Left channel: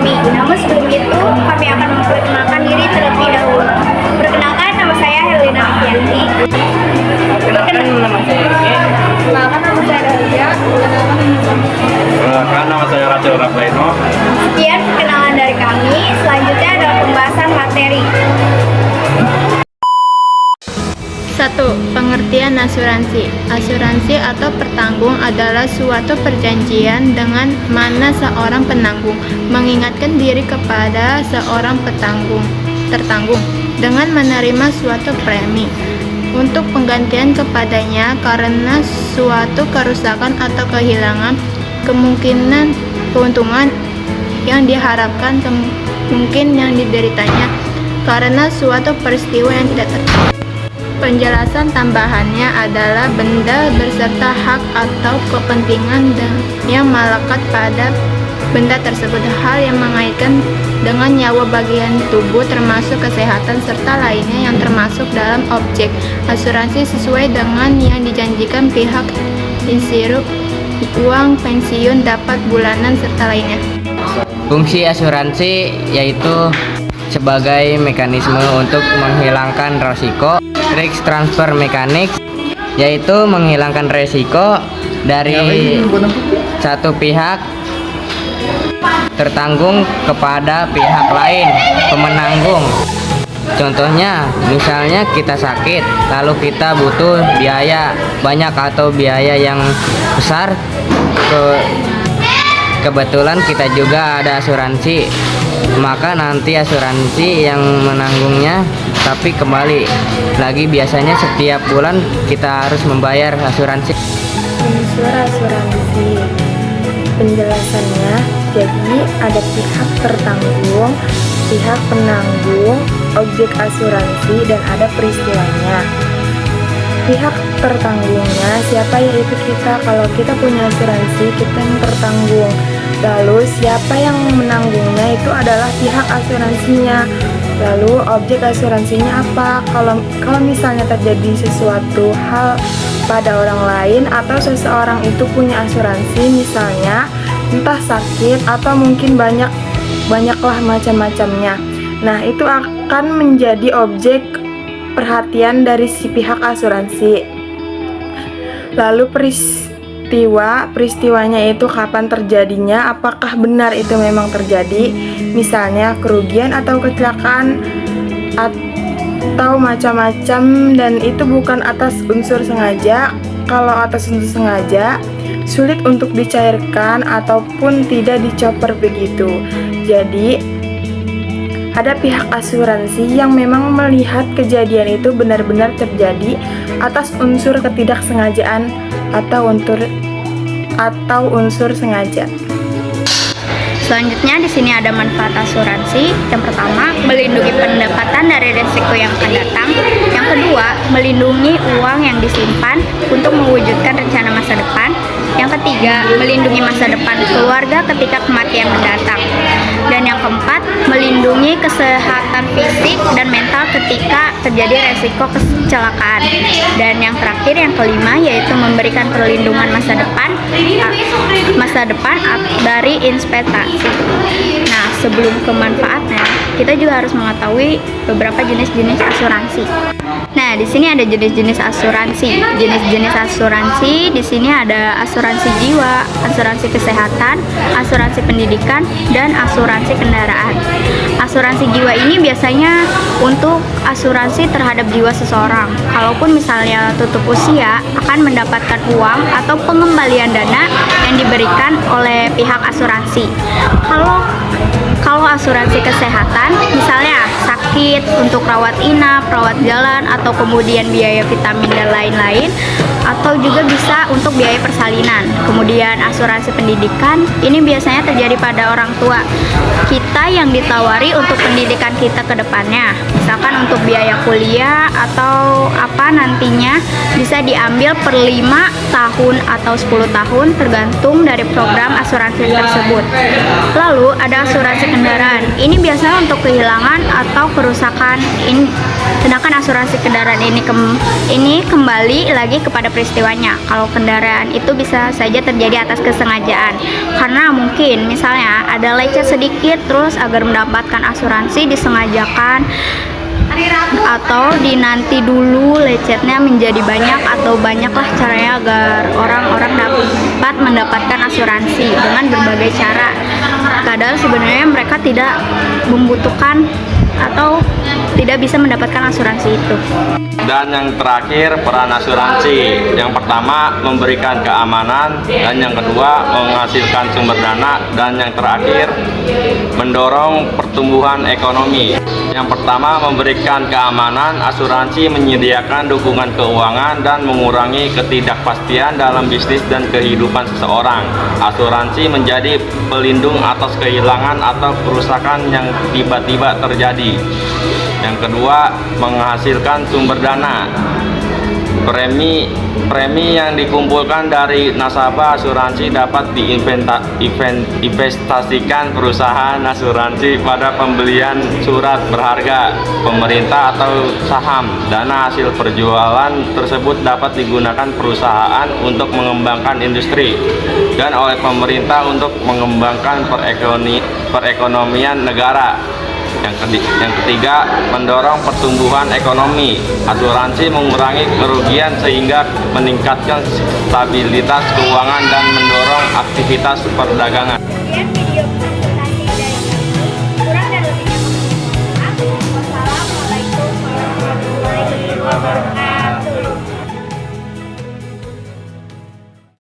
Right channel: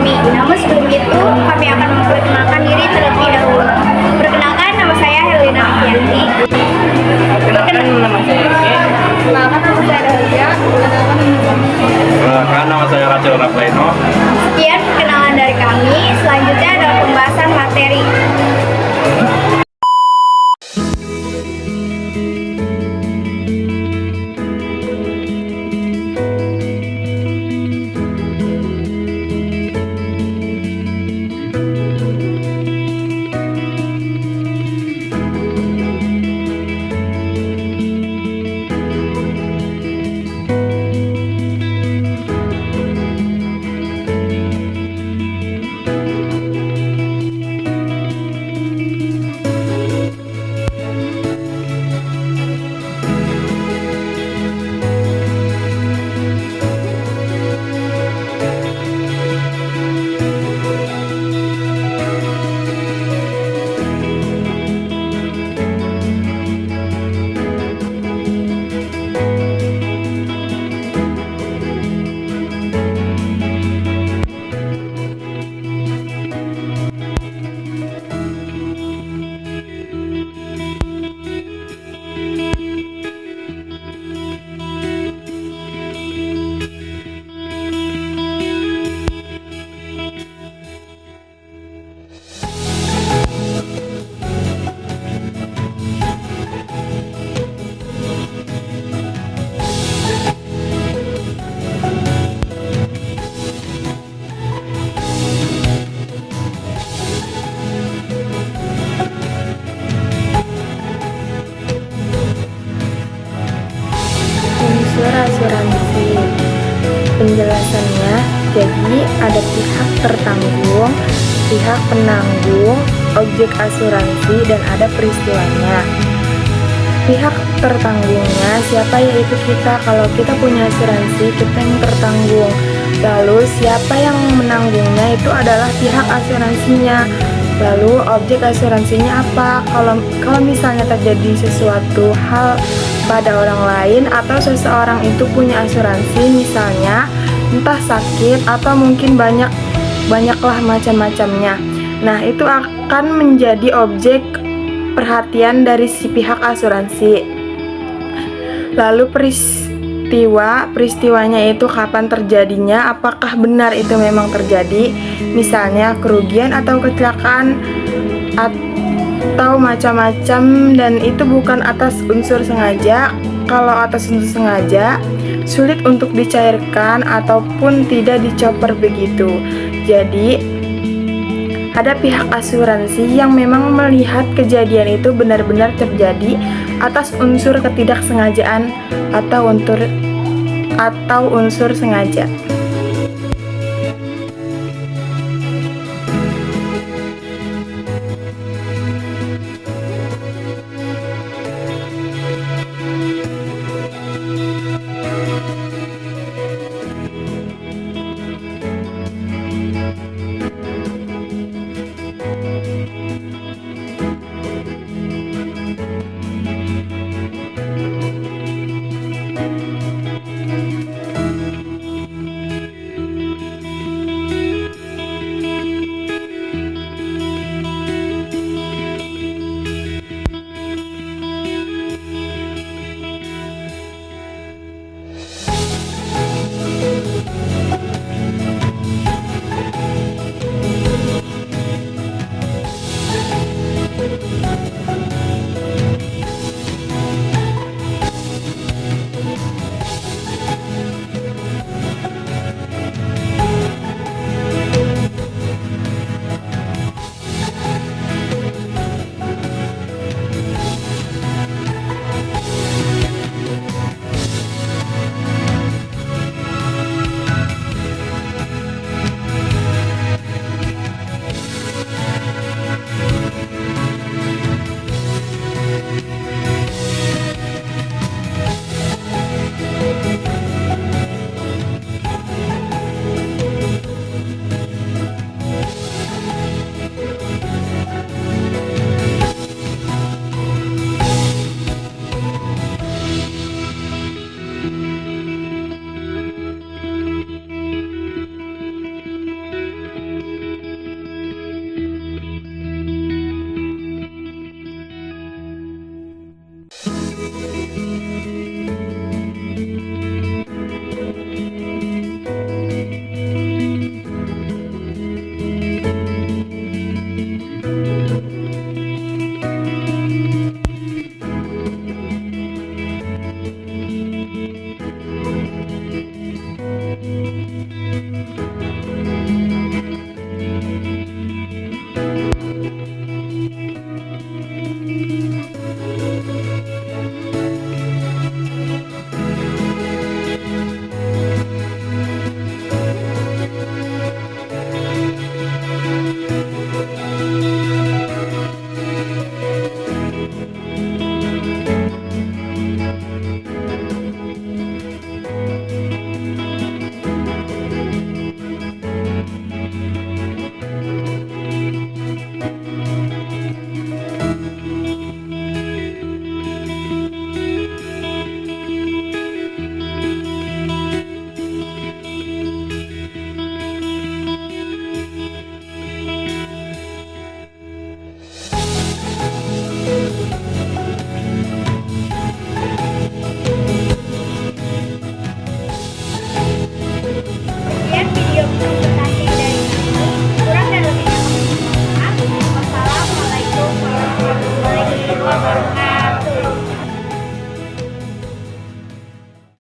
kami. Namun sebelum itu, kami akan memperkenalkan diri terlebih dahulu. Perkenalkan, nama saya Helena Afianti. Perkenalkan, nama saya Rizky. Perkenalkan, nama saya Dahlia. Perkenalkan, nama saya Rachel Rafaino. Sekian perkenalan dari kami. Selanjutnya adalah pembahasan materi. 1. Pengertian asuransi. Asuransi atau pertanggung adalah suatu perjanjian dengan mana seorang penanggung mengingatkan diri kepada seorang tertanggung dengan menerima suatu premi untuk penggantian kepadanya karena suatu kerusakan atau kehilangan, kemungkinan keuntungan yang diharapkan, mungkin yang dideritanya karena suatu peristiwa yang tidak terjadi. Penjelasan tambahannya adalah benda beserta hak atau kepentingan yang melekat pada benda tersebut, hal yang mengaitkan dengan nyawa bagian tubuh termasuk kesehatan serta lainnya yang termasuk dalam objek asuransi sesuai dengan yang dijanjikan pihak insiru, uang pensiun dapat bulanan serta lainnya. Fungsi asuransi yaitu sebagai mekanisme untuk menghilangkan risiko. Risk transfer mechanics yaitu menghilangkan risiko dari satu pihak tertanggung kepada pihak lain pemenanggung. Contohnya, misalnya kita sakit, lalu kita butuh biaya banyak atau biaya yang besar. Kebetulan kita juga ada asuransi, maka nanti asuransi yang menanggungnya, tapi kembali lagi biasanya setiap bulan kita harus membayar asuransi. Unsur asuransi, penjelasannya, jadi ada pihak tertanggung, pihak penanggung, objek asuransi, dan ada peristiwanya. Pihak tertanggungnya siapa, yaitu kita. Kalau kita punya asuransi, kita yang tertanggung. Lalu siapa yang menanggungnya itu adalah pihak asuransinya. Lalu objek asuransinya apa? Kalau misalnya terjadi sesuatu hal pada orang lain atau seseorang itu punya asuransi, misalnya entah sakit atau mungkin banyaklah macam-macamnya. Nah, itu akan menjadi objek perhatian dari si pihak asuransi. Lalu peristiwanya itu kapan terjadinya, apakah benar itu memang terjadi, misalnya kerugian atau kecelakaan atau macam-macam, dan itu bukan atas unsur sengaja. Kalau atas unsur sengaja sulit untuk dicairkan ataupun tidak dicoper begitu. Jadi ada pihak asuransi yang memang melihat kejadian itu benar-benar terjadi atas unsur ketidaksengajaan atau unsur sengaja. Selanjutnya di sini ada manfaat asuransi. Yang pertama, melindungi pendapatan dari risiko yang akan datang. Yang kedua, melindungi uang yang disimpan untuk mewujudkan rencana masa depan. Yang ketiga, melindungi masa depan keluarga ketika kematian mendatang. Dan yang keempat, melindungi kesehatan fisik dan mental ketika terjadi resiko kecelakaan. Dan yang terakhir, yang kelima, yaitu memberikan perlindungan masa depan dari investasi. Nah, sebelum ke manfaatnya, kita juga harus mengetahui beberapa jenis-jenis asuransi. Nah, di sini ada jenis-jenis asuransi. Jenis-jenis asuransi di sini ada asuransi jiwa, asuransi kesehatan, asuransi pendidikan, dan asuransi kendaraan. Asuransi jiwa ini biasanya untuk asuransi terhadap jiwa seseorang. Kalaupun misalnya tutup usia, akan mendapatkan uang atau pengembalian dana yang diberikan oleh pihak asuransi. Kalau asuransi kesehatan, misalnya sakit untuk rawat inap, rawat jalan, atau kemudian biaya vitamin dan lain-lain, atau juga bisa untuk biaya persalinan. Kemudian asuransi pendidikan, ini biasanya terjadi pada orang tua kita yang ditawari untuk pendidikan kita ke depannya. Misalkan untuk biaya kuliah atau apa nantinya bisa diambil per 5 tahun atau 10 tahun tergantung dari program asuransi tersebut. Lalu ada asuransi kendaraan. Ini biasanya untuk kehilangan atau kerusakan Sedangkan asuransi kendaraan ini kembali lagi kepada peristiwanya. Kalau kendaraan itu bisa saja terjadi atas kesengajaan, karena mungkin misalnya ada lecet sedikit terus agar mendapatkan asuransi disengajakan, atau dinanti dulu lecetnya menjadi banyak, atau banyaklah caranya agar orang-orang dapat mendapatkan asuransi dengan berbagai cara. Padahal sebenarnya mereka tidak membutuhkan atau tidak bisa mendapatkan asuransi itu. Dan yang terakhir, peran asuransi. Yang pertama, memberikan keamanan, dan yang kedua, menghasilkan sumber dana, dan yang terakhir, mendorong pertumbuhan ekonomi. Yang pertama, memberikan keamanan. Asuransi menyediakan dukungan keuangan dan mengurangi ketidakpastian dalam bisnis dan kehidupan seseorang. Asuransi menjadi pelindung atas kehilangan atau kerusakan yang tiba-tiba terjadi. Yang kedua, menghasilkan sumber dana. Premi yang dikumpulkan dari nasabah asuransi dapat diinvestasikan perusahaan asuransi pada pembelian surat berharga pemerintah atau saham. Dana hasil perjualan tersebut dapat digunakan perusahaan untuk mengembangkan industri dan oleh pemerintah untuk mengembangkan perekonomian negara. Yang ketiga, mendorong pertumbuhan ekonomi. Asuransi mengurangi kerugian sehingga meningkatkan stabilitas keuangan dan mendorong aktivitas perdagangan. Sekian video presentasi dari kami. Kurang dan lebihnya kami mohon maaf. Wassalamualaikum warahmatullahi wabarakatuh.